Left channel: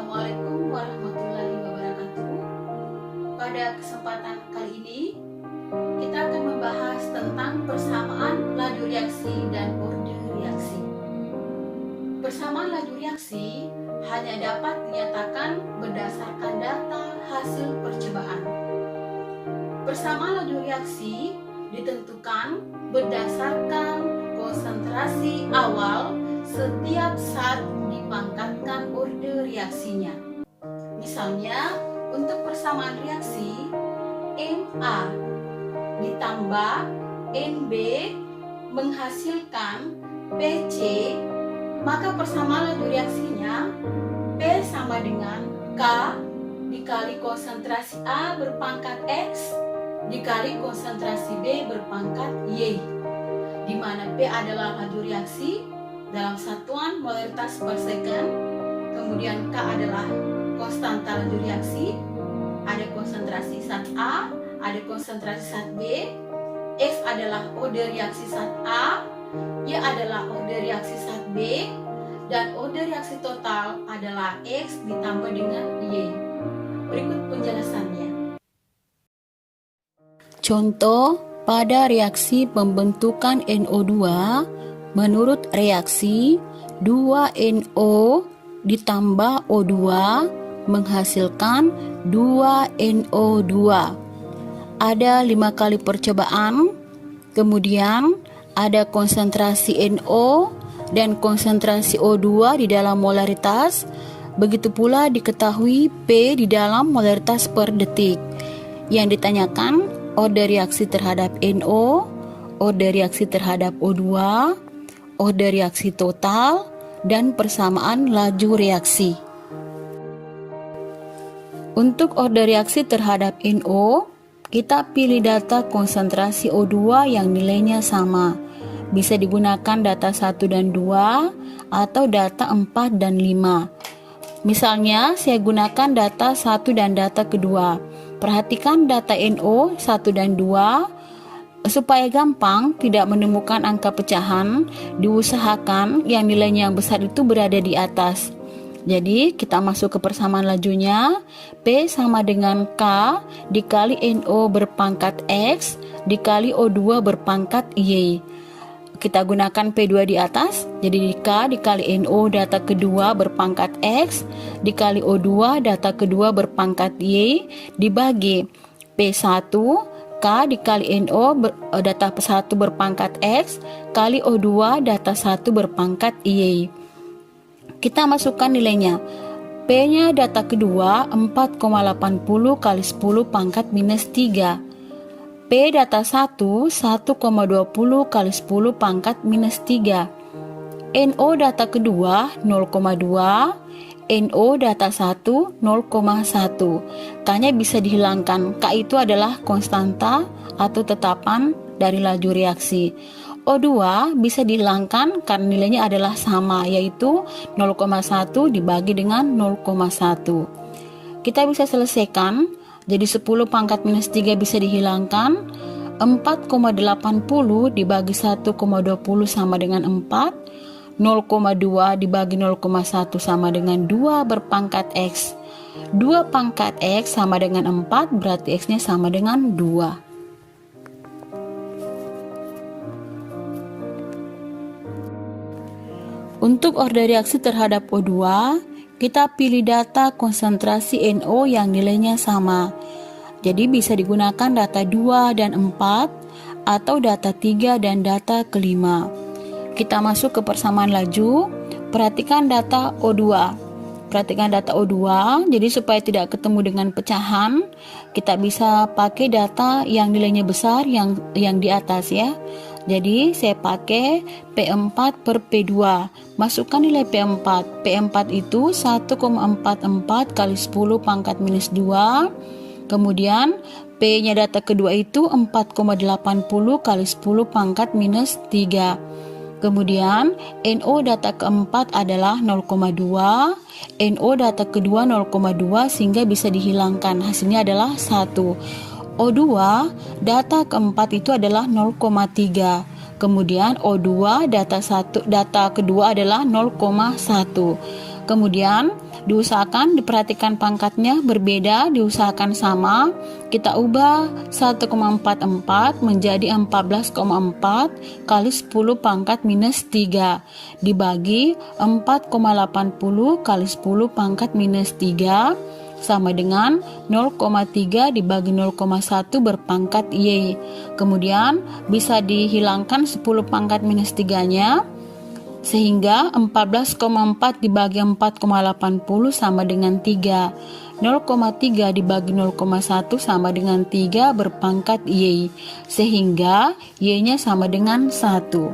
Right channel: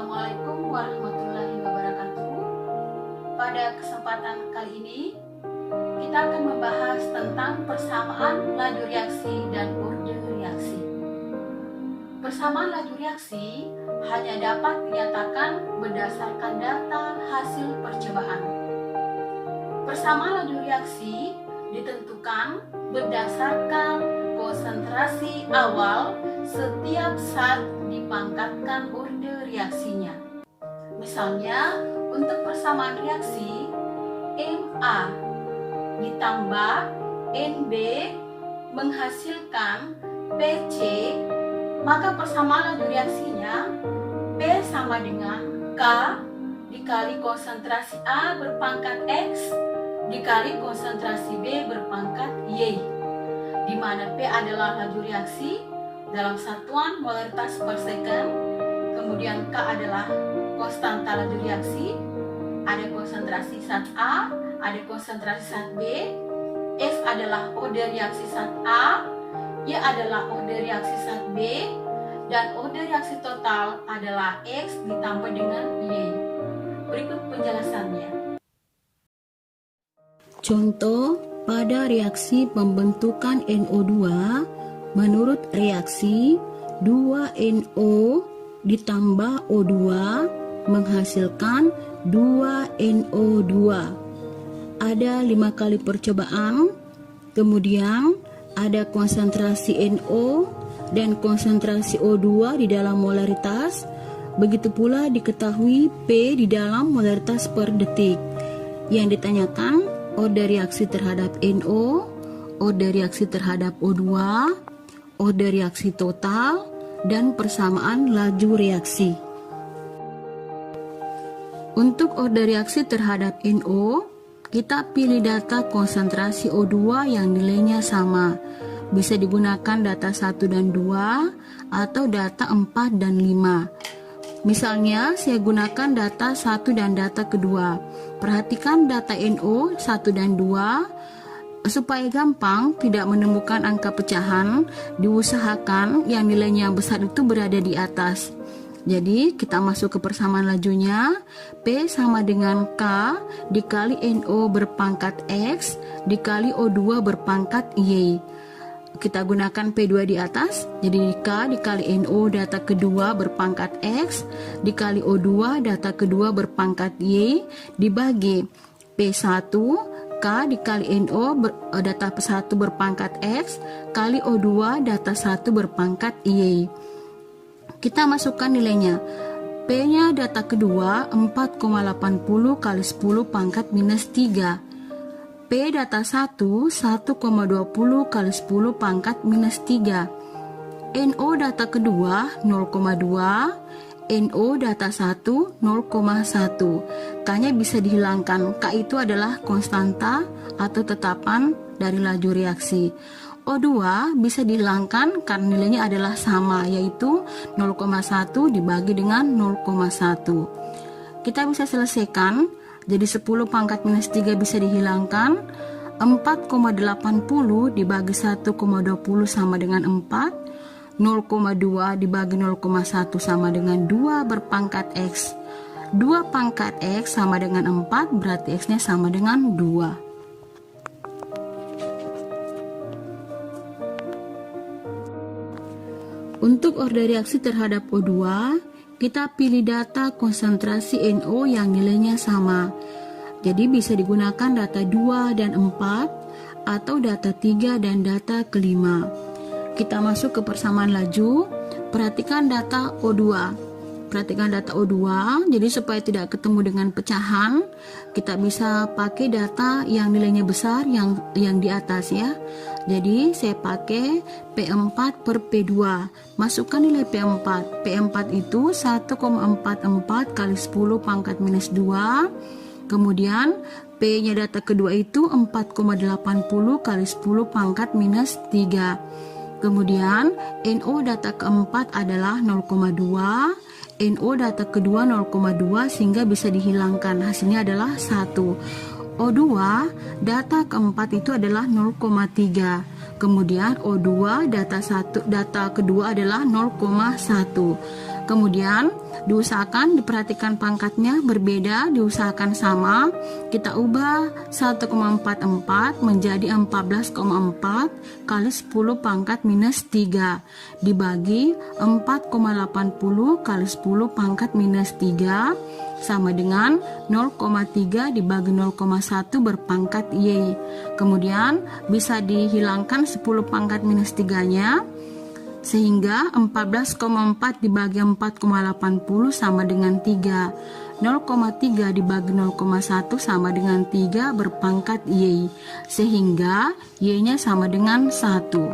Assalamualaikum warahmatullahi wabarakatuh. Pada kesempatan kali ini, kita akan membahas tentang persamaan laju reaksi dan order reaksi. Persamaan laju reaksi hanya dapat dinyatakan berdasarkan data hasil percobaan. Persamaan laju reaksi ditentukan berdasarkan konsentrasi awal setiap saat dipangkatkan order reaksinya. Misalnya, untuk persamaan reaksi Na ditambah Nb menghasilkan Pc, maka persamaan laju reaksinya P sama dengan K dikali konsentrasi A berpangkat X dikali konsentrasi B berpangkat Y, di mana P adalah laju reaksi dalam satuan molaritas per second, kemudian K adalah konstanta laju reaksi, ada konsentrasi zat A, ada konsentrasi zat B, X adalah order reaksi zat A, Y adalah order reaksi zat B, dan order reaksi total adalah X ditambah dengan Y. Berikut penjelasannya. Contoh pada reaksi pembentukan NO2, menurut reaksi 2NO ditambah O2 menghasilkan 2NO2. Ada 5 kali percobaan, kemudian ada konsentrasi NO dan konsentrasi O2 di dalam molaritas. Begitu pula diketahui P di dalam molaritas per detik. Yang ditanyakan order reaksi terhadap NO, order reaksi terhadap O2, order reaksi total, dan persamaan laju reaksi. Untuk order reaksi terhadap NO, kita pilih data konsentrasi O2 yang nilainya sama. Bisa digunakan data 1 dan 2 atau data 4 dan 5. Misalnya, saya gunakan data 1 dan data kedua. Perhatikan data NO 1 dan 2. Supaya gampang tidak menemukan angka pecahan, diusahakan yang nilainya yang besar itu berada di atas. Jadi kita masuk ke persamaan lajunya. P sama dengan K dikali NO berpangkat X dikali O2 berpangkat Y. Kita gunakan P2 di atas, jadi K dikali NO data kedua berpangkat X dikali O2 data kedua berpangkat Y dibagi P1 K dikali NO data 1 berpangkat X kali O2 data 1 berpangkat Y. Kita masukkan nilainya. P-nya data kedua 4,80 kali 10 pangkat minus 3. P data 1 1,20 kali 10 pangkat minus 3. NO data kedua 0,2. NO data 1 0,1. K-nya bisa dihilangkan. K itu adalah konstanta atau tetapan dari laju reaksi. O2 bisa dihilangkan karena nilainya adalah sama, yaitu 0,1 dibagi dengan 0,1. Kita bisa selesaikan. Jadi 10 pangkat minus 3 bisa dihilangkan. 4,80 dibagi 1,20 sama dengan 4. 0,2 dibagi 0,1 sama dengan 2 berpangkat X. 2 pangkat X sama dengan 4, berarti X-nya sama dengan 2. Untuk order reaksi terhadap O2, kita pilih data konsentrasi NO yang nilainya sama. Jadi bisa digunakan data 2 dan 4 atau data 3 dan data kelima. Kita masuk ke persamaan laju. Perhatikan data O2. Perhatikan data O2. Jadi supaya tidak ketemu dengan pecahan, kita bisa pakai data yang nilainya besar yang di atas ya. Jadi saya pakai P4 per P2. Masukkan nilai P4. P4 itu 1,44 kali 10 pangkat minus 2. Kemudian P-nya data kedua itu 4,80 kali 10 pangkat minus 3. Kemudian NO data keempat adalah 0,2. NO data kedua 0,2 sehingga bisa dihilangkan. Hasilnya adalah 1. O2 data keempat itu adalah 0,3. Kemudian O2 data kedua adalah 0,1. Kemudian diusahakan diperhatikan pangkatnya berbeda, diusahakan sama. Kita ubah 1,44 menjadi 14,4 kali 10 pangkat minus 3 dibagi 4,80 kali 10 pangkat minus 3 sama dengan 0,3 dibagi 0,1 berpangkat Y. Kemudian bisa dihilangkan 10 pangkat minus 3-nya, sehingga 14,4 dibagi 4,80 sama dengan 3. 0,3 dibagi 0,1 sama dengan 3 berpangkat Y, sehingga Y-nya sama dengan 1.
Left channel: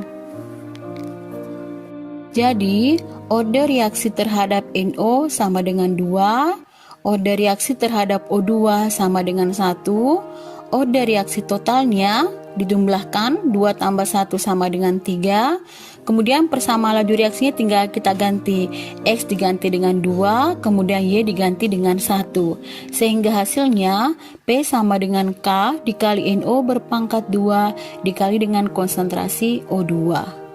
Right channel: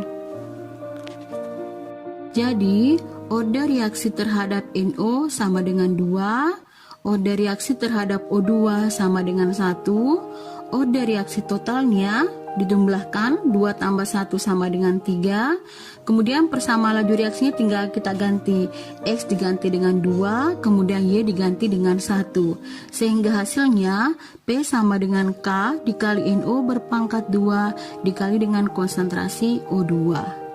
Jadi, order reaksi terhadap NO sama dengan 2, order reaksi terhadap O2 sama dengan 1, order reaksi totalnya dijumlahkan 2 tambah 1 sama dengan 3. Kemudian persamaan laju reaksinya tinggal kita ganti, X diganti dengan 2, kemudian Y diganti dengan 1. Sehingga hasilnya P sama dengan K dikali NO berpangkat 2 dikali dengan konsentrasi O2.